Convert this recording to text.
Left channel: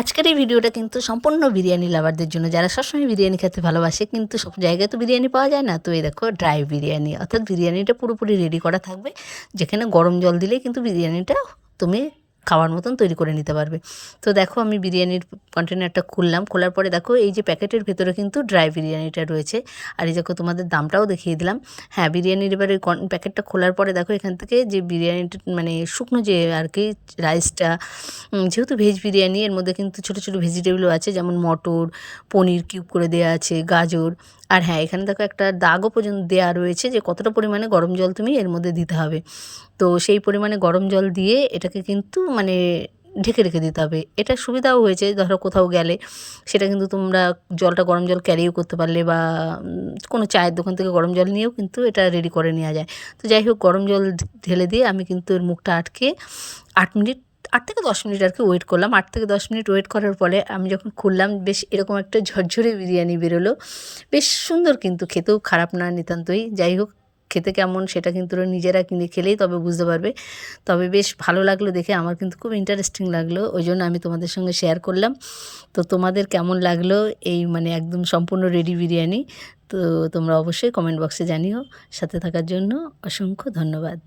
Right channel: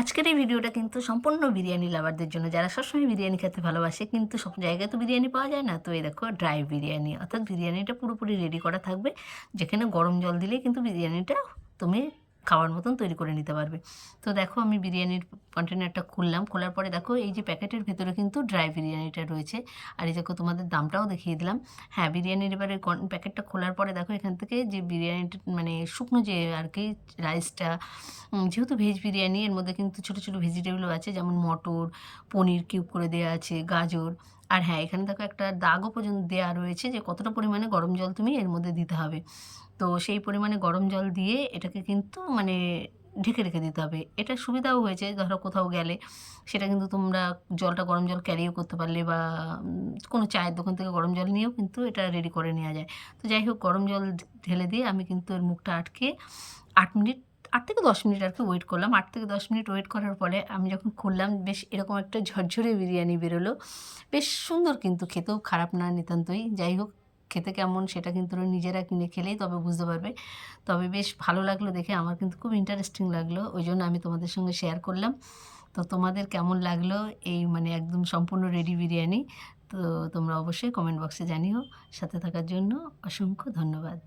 আজকের এই ভিডিওটা কিন্তু সম্পূর্ণ বিরিয়ানি লাভারদের জন্য, যারা সবসময় বিরিয়ানি খেতে ভালোবাসে কিন্তু সব জায়গায় তো বিরিয়ানি পাওয়া যায় না। তো এই দেখো ড্রাই বিরিয়ানি, অর্থাৎ বিরিয়ানিটা পুরোপুরি রেডি করা থাকবে, যেখানে গরম জল দিলেই কিন্তু বিরিয়ানিটা তুমি খাওয়ার মতন তৈরি করে নিতে পারবে। তো দেখো আমি বিরিয়ানির কন্টেনারটা খুললাম, খোলার পরে দেখো এই যে প্যাকেটের ভেতরে কিন্তু ড্রাই বিরিয়ানিটা রয়েছে। আর এই দেখো তোমাদের দামটাও দেখিয়ে দিলাম। হ্যাঁ, বিরিয়ানির এবারে প্যাকেটটা খোলার পরে দেখো এখান থেকে যে বিরিয়ানিটা মানে শুকনো যে আর কি রাইসটা, যেহেতু ভেজ বিরিয়ানি এর মধ্যে কিন্তু ছোটো ছোটো ভেজিটেবলও আছে, যেমন মটর, পনির কিউব করে দেওয়া আছে, গাজর। আর হ্যাঁ, এখানে দেখো একটা দাগও পর্যন্ত দেওয়া রয়েছে যে কতটা পরিমাণে গরম জল তুমি এর মধ্যে দিতে হবে। তো সেই পরিমাণে গরম জল দিয়ে এটাকে কিন্তু মানে ঢেকে রেখে দিতে হবে। এটা সুবিধাও হয়েছে, ধরো কোথাও গেলে সেটা কিন্তু তোমরা জলটা গরম জল ক্যারিও করতে পারলে, বা কোনো চায়ের দোকান থেকে গরম জল নিয়েও কিন্তু এটা রেডি করে নেওয়া যায়। তো যাই হোক, গরম জল ঢেলে দিয়ে আমি কিন্তু এর মুখটা আটকে 8 মিনিট, 8 থেকে 10 মিনিট আর কি ওয়েট করলাম। 8 থেকে 10 মিনিট ওয়েট করার পরে আমি যখন খুললাম, বেশ এরকম একটা ঝরঝরে বিরিয়ানি বেরোলো। বেশ সুন্দর, কিন্তু খেতেও খারাপ না নিতান্তই। যাই হোক, খেতে কেমন সেটা কিন্তু ওরা নিজেরা কিনে খেলেই তবে বুঝতে পারবে। তবে বেশ ভালো লাগলো দেখে, আমার কিন্তু খুব ইন্টারেস্টিং লাগলো, ওই জন্য আমি তোমাদের সঙ্গে শেয়ার করলাম। তো তোমাদের কেমন লাগলো এই মানে একদম সম্পূর্ণ রেডি বিরিয়ানি? তো তোমরা অবশ্যই কমেন্ট বক্সে জানিও। সাথে থাকার জন্য অসংখ্য ধন্যবাদ।